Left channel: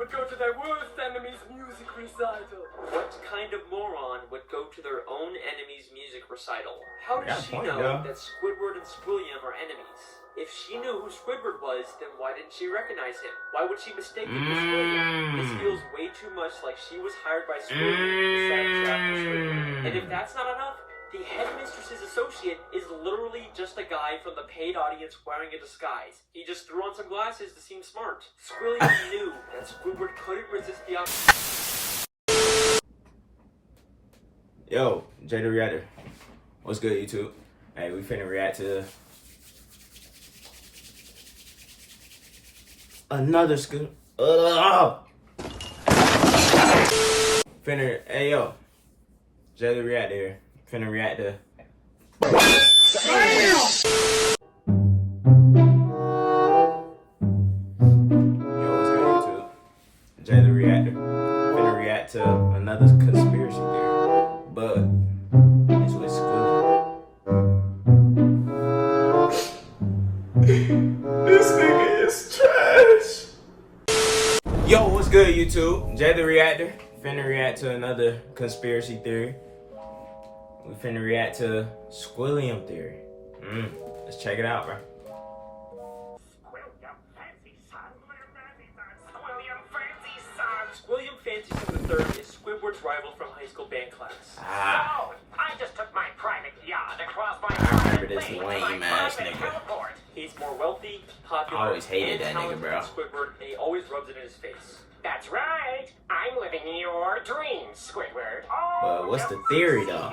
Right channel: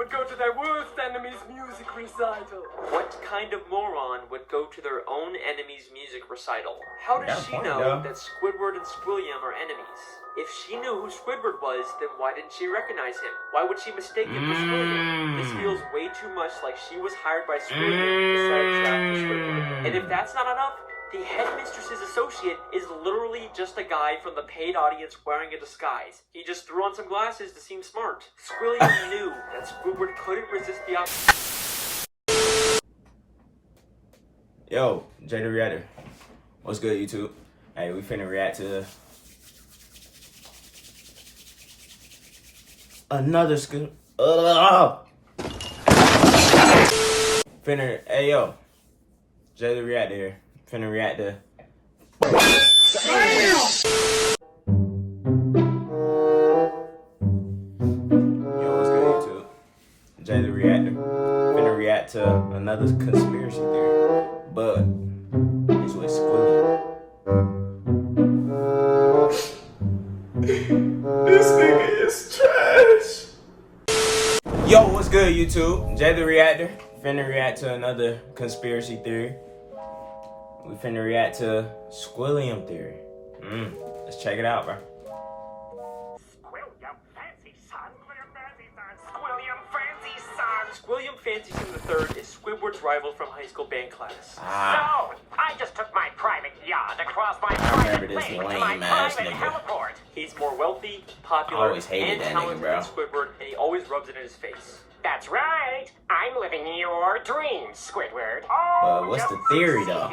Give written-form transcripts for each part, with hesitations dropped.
would go to their worst enemy's music recital? What kind of moron would go to their own enemy's music recital? How does she know that Squidward and Squilliam are enemies? If she knew who Squidward was, then why didn't she recognize him? Why would she mistake him for Squilliam? This feels way too much like she was hired by Squilliam to set a trap for Squidward. And if that's not enough, the headmistress's associate is literally just a guy from the paid audience wearing a disguise. He just threw on some glasses to seem smart. Squilliam knew that Squidward couldn't resist the Yo, Jay the Reactor. What's good, YouTube? Hey, we finna react to another Hey, yo. Jay the Reactor here. Finna react to. Yo, what's good, YouTube? Jay the Reactor. Finna react to another conspiracy theory, but it's with Squiliam. This nigga is trash. Yo, what's good, YouTube? Jay the Reactor. Finna react to another conspiracy theory. We finna react to Squiliam Theory. Let's check it out, bro. Squiliam Fancy III is Squidward's rival from high school band class. So, I just took my private yacht across my I remember this lame ass nigga. He's more wealthy, popular, I always hated that nigga, bro. Squidward, and he always rubs it in his face. That's right. I'm living your dreams, Squidward. But what's the theory, though?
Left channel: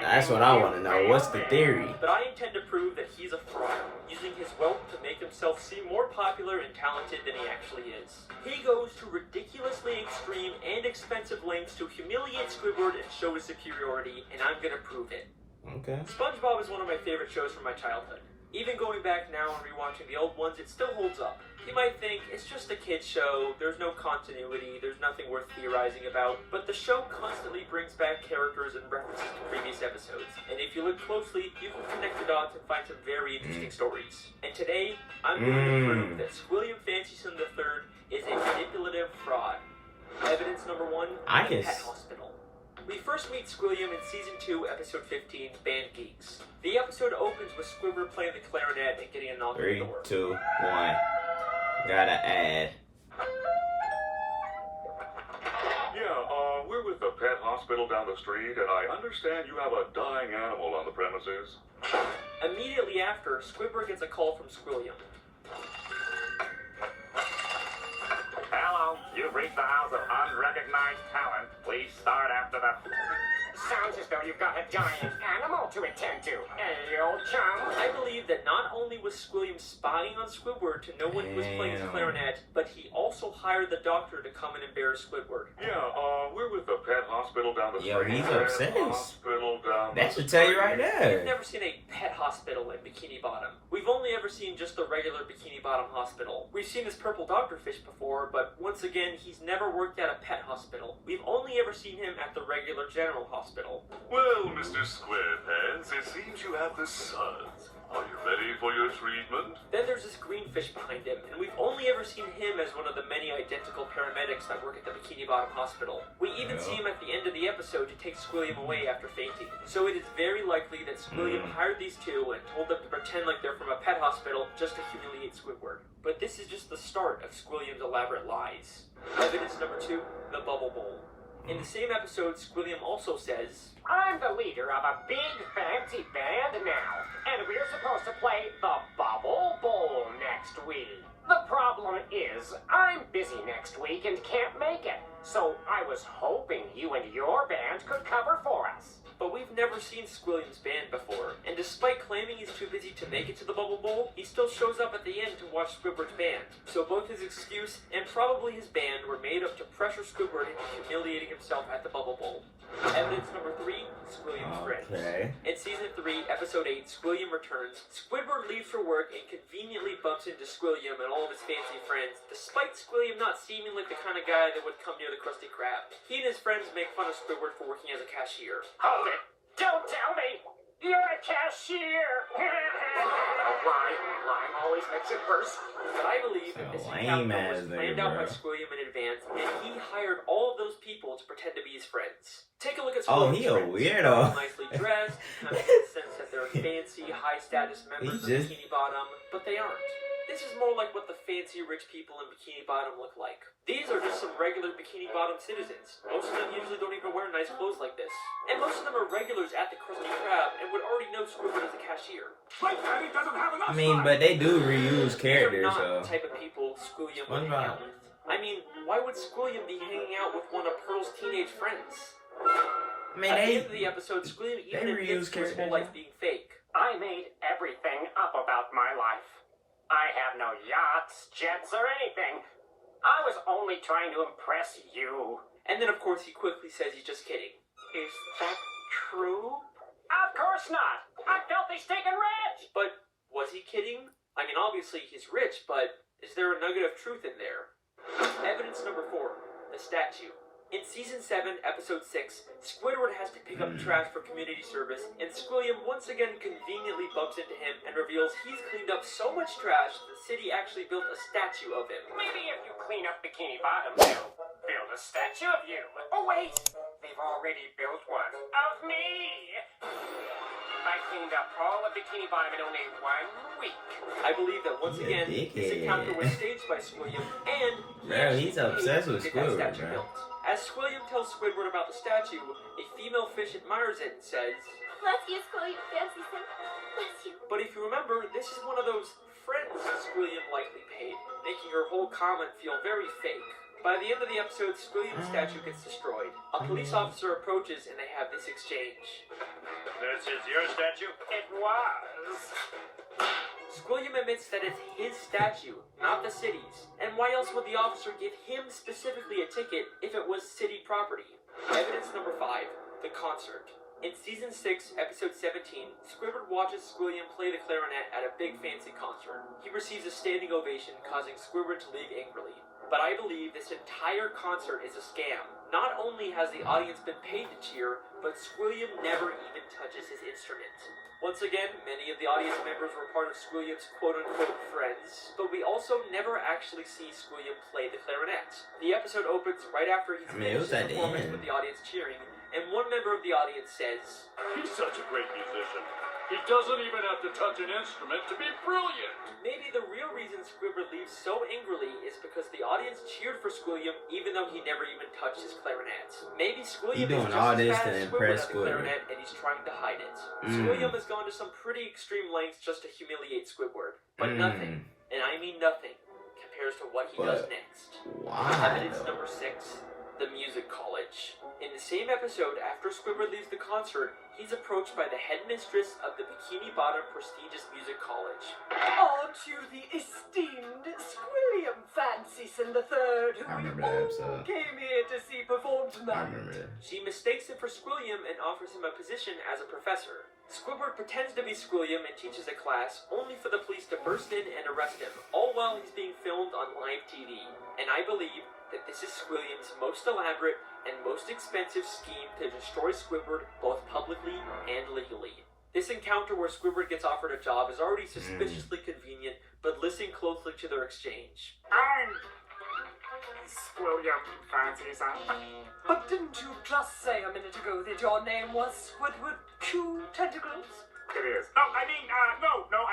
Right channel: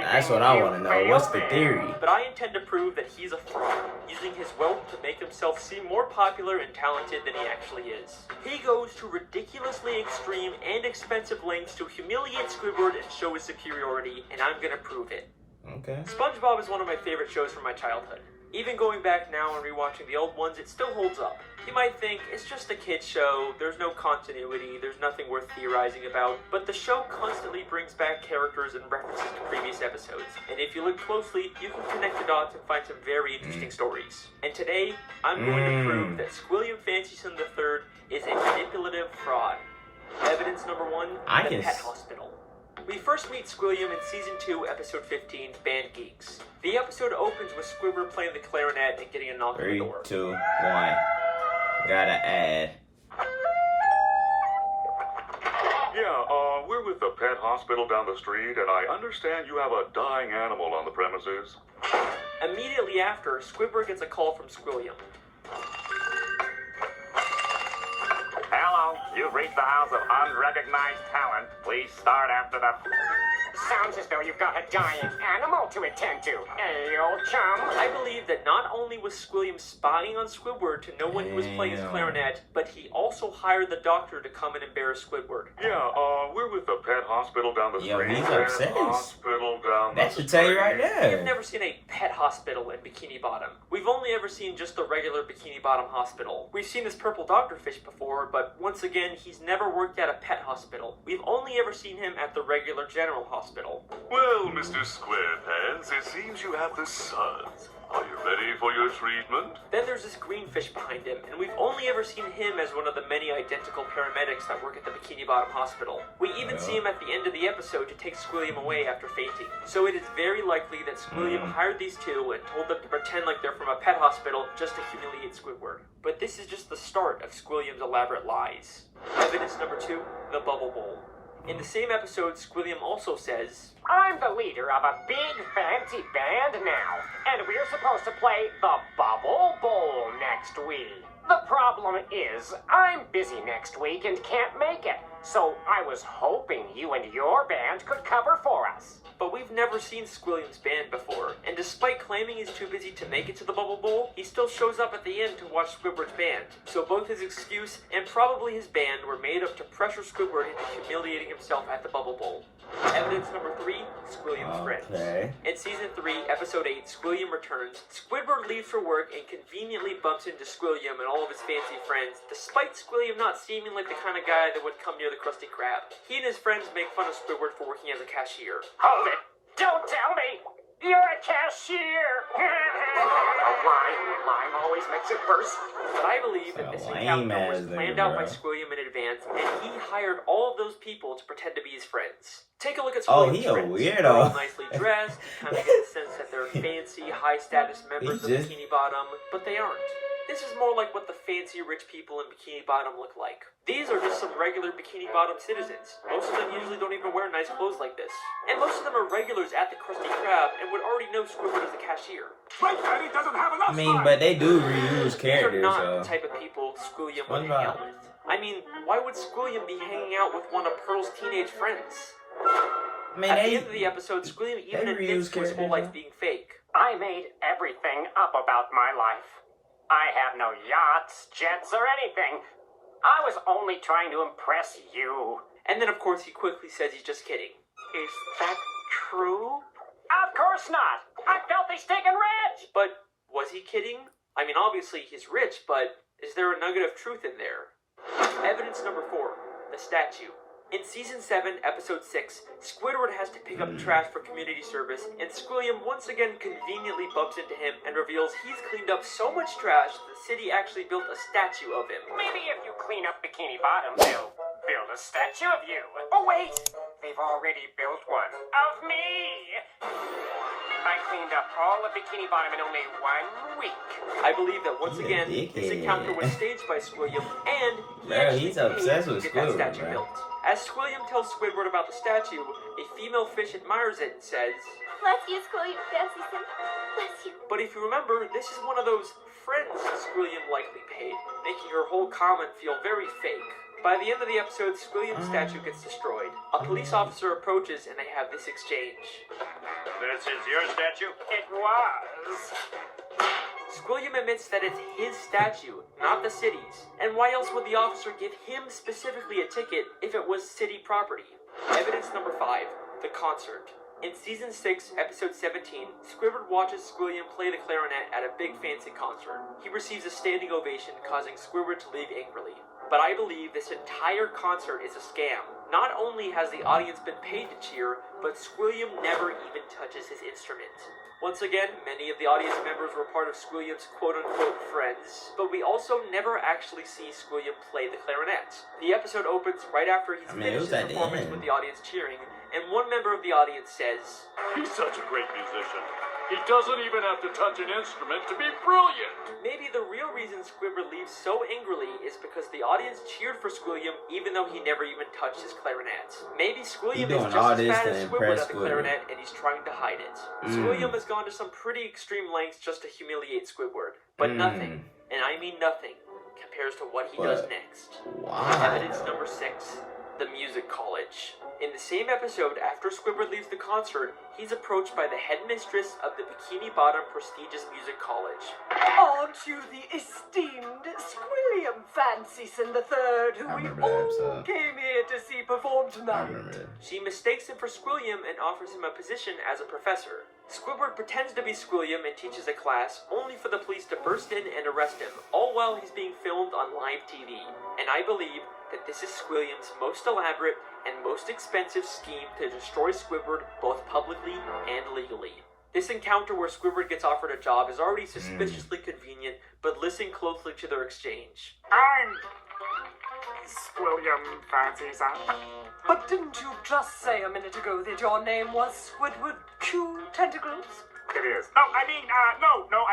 That's what I want to know. What's the theory? But I intend to prove that he's a fraud, using his wealth to make himself seem more popular and talented than he actually is. He goes to ridiculously extreme and expensive lengths to humiliate Squidward and show his superiority, and I'm gonna prove it. Okay. SpongeBob is one of my favorite shows from my childhood. Even going back now and rewatching the old ones, it still holds up. You might think, it's just a kid's show, there's no continuity, there's nothing worth theorizing about, but the show constantly brings back characters and references to previous episodes. And if you look closely, you can connect the dots and find some very interesting stories. And today, I'm going to prove that Squiliam Fancyson III is a manipulative fraud. Evidence number 1, the pet hospital. We first meet Squiliam in Season 2, Episode 15, Band Geeks. The episode opens with Squidward playing the clarinet and getting a knock on the door. 3, 2, 1. Gotta add. Yeah, we're with the pet hospital down the street, and I understand you have a dying animal on the premises. Immediately after, Squidward gets a call from Squiliam. Hello, you've reached the House of Unrecognized Talent. Please start after the... Sounds as though you've got a dying animal to attend to. Hey, old chum. I believe that not only was Squiliam spying on Squidward to know when he was playing his clarinet, but he also hired the doctor to come and embarrass Squidward. Yeah, we're with the pet hospital down the street. Yo, he's obsessed. Hospital down That should tell you right We've there. never seen a pet hospital in Bikini Bottom. We've only ever seen just the regular Bikini Bottom hospital. We've seen this purple doctorfish before, but once again, he's never worked at a pet hospital. We've only ever seen him at the regular general hospital. Well, Mr. Squarepants, it seems you have the suds. Are you ready for your treatment? Then there's this green fish behind him, and we've only ever seen him as one of the many identical paramedics that work at the Bikini Bottom Hospital. We even see him at the end of the episode to take Squiliam away after fainting. So it is very likely that Squiliam hired these two and told them to pretend like they're from a pet hospital just to humiliate Squidward. But this is just the start of Squiliam's elaborate lies. Evidence number 2, the Bubble Bowl. In the same episode, Squiliam also says, I'm the leader of a big fancy band now, and we're supposed to play the Bubble Bowl next week. The problem is, I'm busy next week and can't make it, so I was hoping you and your band could cover for us. But we've never seen Squiliam's band before, and despite claiming he's too busy to make it to the Bubble Bowl, he still shows up at the end to watch Squidward's band. So both his excuse and probably his band were made up to pressure Squidward into humiliating himself at the Bubble Bowl. Evidence number 3, Squiliam's friends. In Season 3, Episode 8, Squiliam returns. Squidward leaves for work and conveniently bumps into Squiliam and all of his fancy friends, despite Squiliam not seeming like the kind of guy that would come near the Krusty Krab. He and his friends make fun of Squidward for working as a cashier. Hold it! Don't tell me! You're a cashier! Lying always makes it worse. But I believe that this So encounter lame was as they, planned out by bro. Squiliam in advance, and he hired all of those people to pretend to be his friends. Take a look at Oh, Squiliam's he a friends. weirdo. They're all nicely dressed, you kind of get the sense that they're fancy, high-status members of just- Bikini Bottom, but they aren't. This is more like what the fancy rich people in Bikini Bottom look like. These are just some regular Bikini Bottom citizens. Most of them usually don't even wear nice clothes like this. And most of them are regulars at the Krusty Krab and would already know Squidward as a cashier. I mean, but they do reuse These are characters, not so. the type of people Squiliam would hang out with. I mean, why would Squiliam be hanging out with one of Pearl's teenage friends? I mean, At the they end of the episode, Squiliam they even reuse admits to his whole characters, life being fake. I made everything up about my life. I have no yachts, jets, or anything. I was only trying to impress you. And then, of course, he quickly says he's just kidding. Is that true? Of course not. I'm filthy, stinking rich. But was he kidding? I mean, obviously he's rich, but is there a nugget of truth in there? Evidence number 4, the statue. In Season 7, Episode 6, Squidward has to pick up trash for community service, and Squiliam once again conveniently bumps into him and reveals he's cleaned up so much trash the city actually built a statue of him. Maybe if you clean up Bikini Bottom, they'll build a statue of you. Oh, wait. They've already built one of me. I cleaned up all of Bikini Bottom in only 1 week. I believe that once He's a again, this dickhead. encounter was staged by Squiliam, and he Bro, actually he's paid obsessed to with get that Squidward, statue bro. built. As Squiliam tells Squidward about the statue, a female fish admires it and says, Bless you, Squiliam Fancy Sim. Bless you. but if you remember, this is one of those friends Squiliam likely paid, making her whole comment feel very fake. By the end of the episode, Squiliam's statue gets destroyed. A police officer approaches and they have this exchange. This is your statue? It was. Squiliam admits that it's his statue, not the city's. And why else would the officer give him specifically a ticket if it was city property? Evidence number 5, the concert. In Season 6, Episode 17, Squidward watches Squiliam play the clarinet at a big fancy concert. He receives a standing ovation, causing Squidward to leave angrily. But I believe this entire concert is a scam. Not only has the audience been paid to cheer, but Squiliam never even touches his instrument. Once again, many of the audience members were part of Squiliam's quote-unquote friends, but we also never actually see Squiliam play the clarinet. The episode opens right after he's I mean, it was finished his at the performance end. with the audience cheering, and one member of the audience says, He's such a great musician. He doesn't even have to touch an instrument to be brilliant. maybe the real reason Squidward leaves so angrily is because the audience cheered for Squiliam even though he never even touched his clarinet. Maybe Squiliam He is doing just all as this bad to as impress at the Squidward. clarinet and he's trying to hide it. Squiliam has gone to some pretty extreme lengths just to humiliate Squidward, but nothing, and I mean nothing, compares to what he does But next. why, Evidence though? number 6, the music college. In the same episode, after Squidward leaves the concert, he's approached by the headmistress of the Bikini Bottom prestigious music college. Aren't you the esteemed Squiliam Fancy Sim III, who I we remember that all episode. came here to see perform I tonight? remember that. She mistakes him for Squiliam and offers him a position as a professor. Squidward pretends to be Squiliam and teaches a class, only for the police to burst in and arrest him, all while he's being filmed on live TV. And I believe that this is Squiliam's most elaborate and most expensive scheme to destroy Squidward both publicly and legally. This encounter where Squidward gets offered a job is already suspiciously convenient, but listen closely to their exchange. I'm Squiliam Fancy Sim. But didn't you just say a minute ago that your name was Squidward Q Tentacles? It is. No, I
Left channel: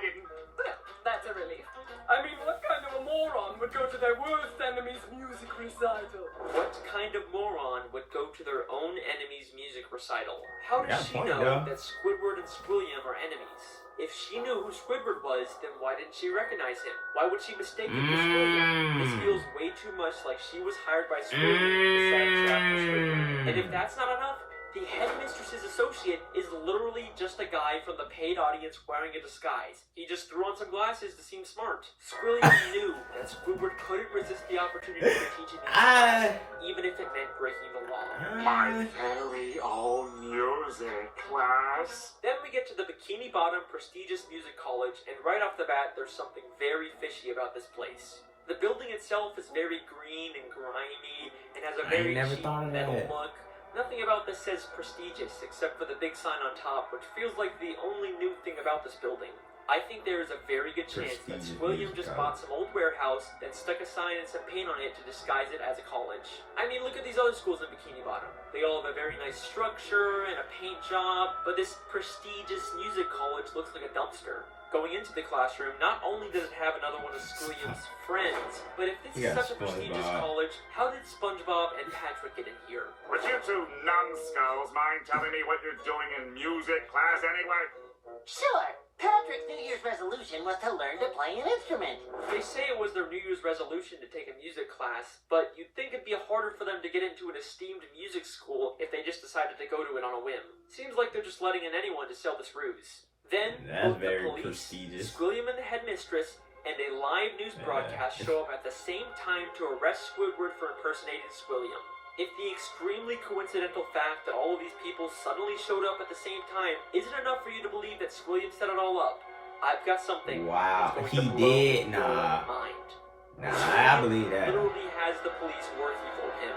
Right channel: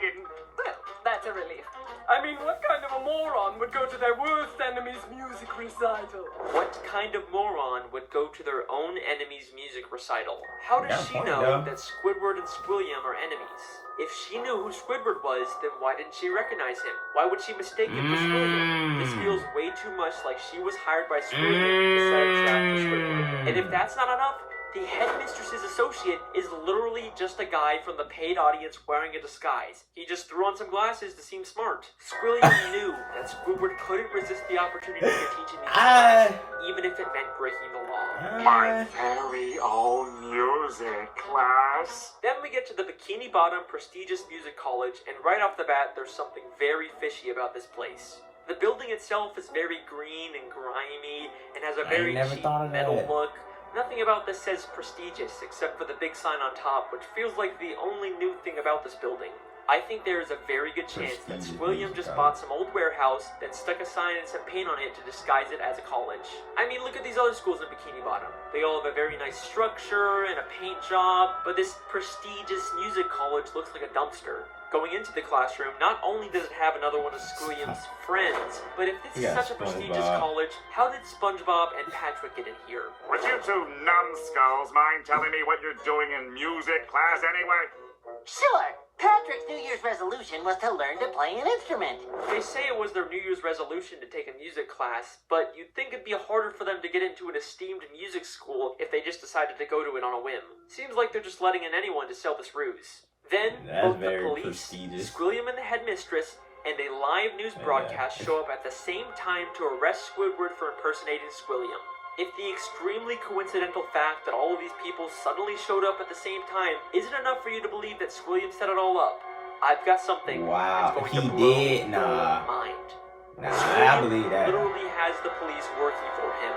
didn't. Well, that's a relief. I mean, what kind of a moron would go to their worst enemy's music recital? What kind of moron would go to their own enemy's music recital? How Got does a she point, know though. that Squidward and Squiliam are enemies? If she knew who Squidward was, then why didn't she recognize him? Why would she mistake him for Squiliam? This feels way too much like she was hired by Squiliam to set a trap for Squidward. And if that's not enough, the headmistress's associate is literally just a guy from the paid audience wearing a disguise. He just threw on some glasses to seem smart. Squiliam knew that Squidward couldn't resist the opportunity to teach him music, even if it meant breaking the law. My very own music class. Then we get to the Bikini Bottom prestigious music college, and right off the bat, there's something very fishy about this place. The building itself is very green and grimy, and has a I very never cheap thought of metal that. look. Nothing about this says prestigious, except for the big sign on top, which feels like the only new thing about this building. I think there is a very good chance that Squiliam just bought some old warehouse, then stuck a sign and some paint on it to disguise it as a college. I mean, look at these other schools in Bikini Bottom. They all have a very nice structure and a paint job, but this prestigious music college looks like a dumpster. Going into the classroom, not only does it have another one of Squiliam's friends, but if this is such a prestigious college, how did SpongeBob and Patrick get in here? Would you two numbskulls mind telling me what you're doing in music class anyway? Sure. Patrick's New Year's resolution was to learn to play an instrument. They say it was their New Year's resolution to take a music class, but you'd think it'd be harder for them to get into an esteemed music school if they just decided to go to it on a whim. Seems like they're just letting in anyone to sell this ruse. Then, both the police, Squiliam and the headmistress, and a live news broadcast show up at the same time to arrest Squidward for impersonating Squiliam. If the extremely coincidental fact that all of these people suddenly showed up at the same time isn't enough for you to believe that Squiliam set it all up, I've got something. Wow, he did? Nah. I believe that. Literally has the police working for him.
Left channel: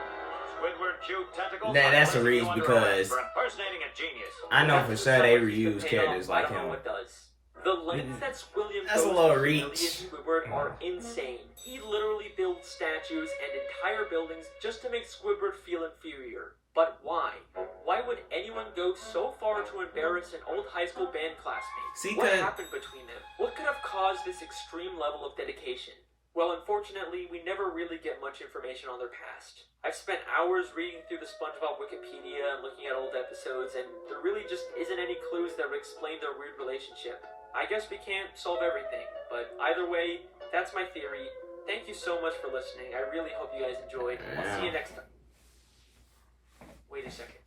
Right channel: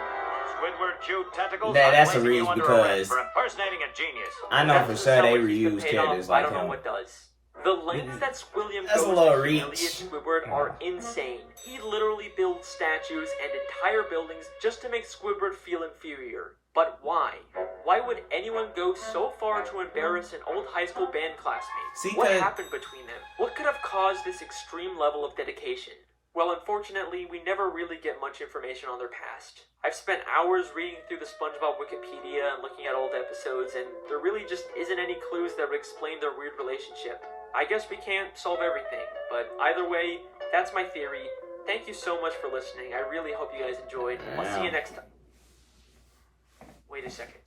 Squidward chewed tentacles. That's a reach because impersonating a genius. I know for sure they reuse characters like him. The lengths that Squiliam That's a goes little to reach. really Squidward are insane. He literally builds statues and entire buildings just to make Squidward feel inferior. But why? Why would anyone go so far to embarrass an old high school band classmate? See, what happened between them? What could have caused this extreme level of dedication? Well, unfortunately, we never really get much information on their past. I've spent hours reading through the SpongeBob Wikipedia and looking at old episodes, and there really just isn't any clues that would explain their weird relationship. I guess we can't solve everything, but either way, that's my theory. Thank you so much for listening. I really hope you guys enjoyed. I'll see you next time. Wait a second.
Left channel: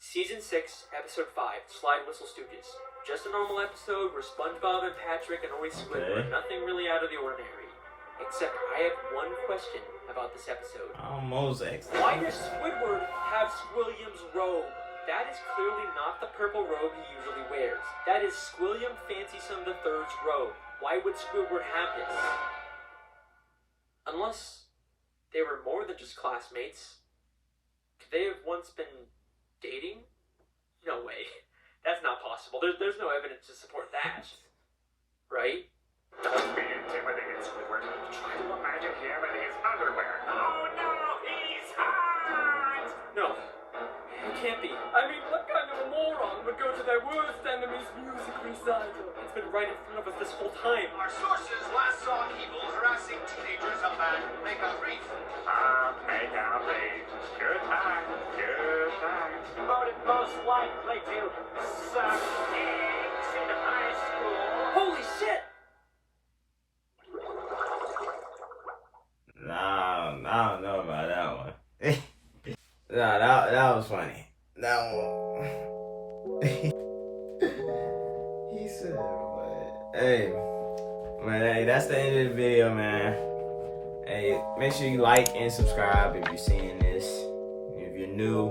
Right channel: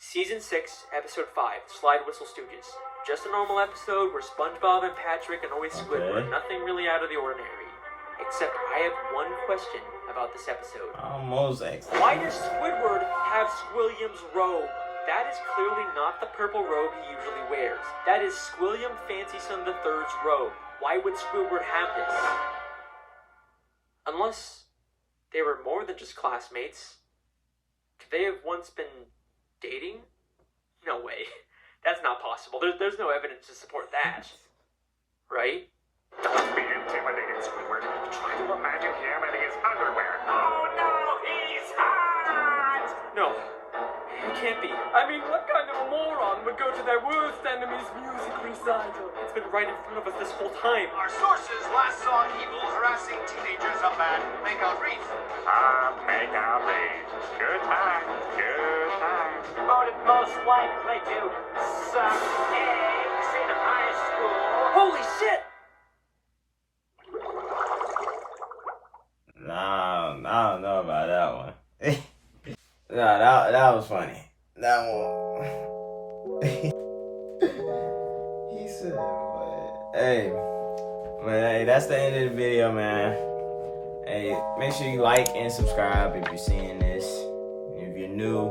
Season 6, Episode 5, Slide Whistle Stooges. Just a normal episode where SpongeBob and Patrick annoy Squidward. Nothing really out of the ordinary. Except I have one question about this episode. Mosaic. Why does Squidward have Squiliam's robe? That is clearly not the purple robe he usually wears. That is Squiliam Fancyson III's robe. Why would Squidward have this? Unless they were more than just classmates. Could they have once been dating? No way. That's not possible. There's no evidence to support that. Right? Don't be intimidated, Squidward. Try to imagine him in his underwear. Oh no, he's hot! No. It can't be. I mean, what kind of a moron would go to their worst enemy's music recital? It's been right in front of us this whole time. Our sources last saw Evil harassing teenagers on that makeout reef. Makeout rave. Good time. Voted most likely to suck eggs in high school. Holy shit! Nah, I don't know about that one. Nah, that was funny. That one. He said, but hey, that's the end of the video, man. Hey, make sure you like and subscribe if you're seeing this. If you're new,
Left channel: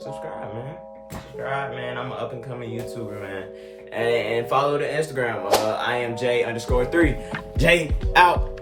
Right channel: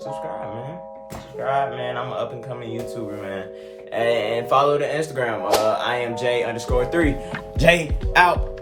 subscribe, man. I'm an up-and-coming YouTuber, man. And follow the Instagram. I am J_3. J out.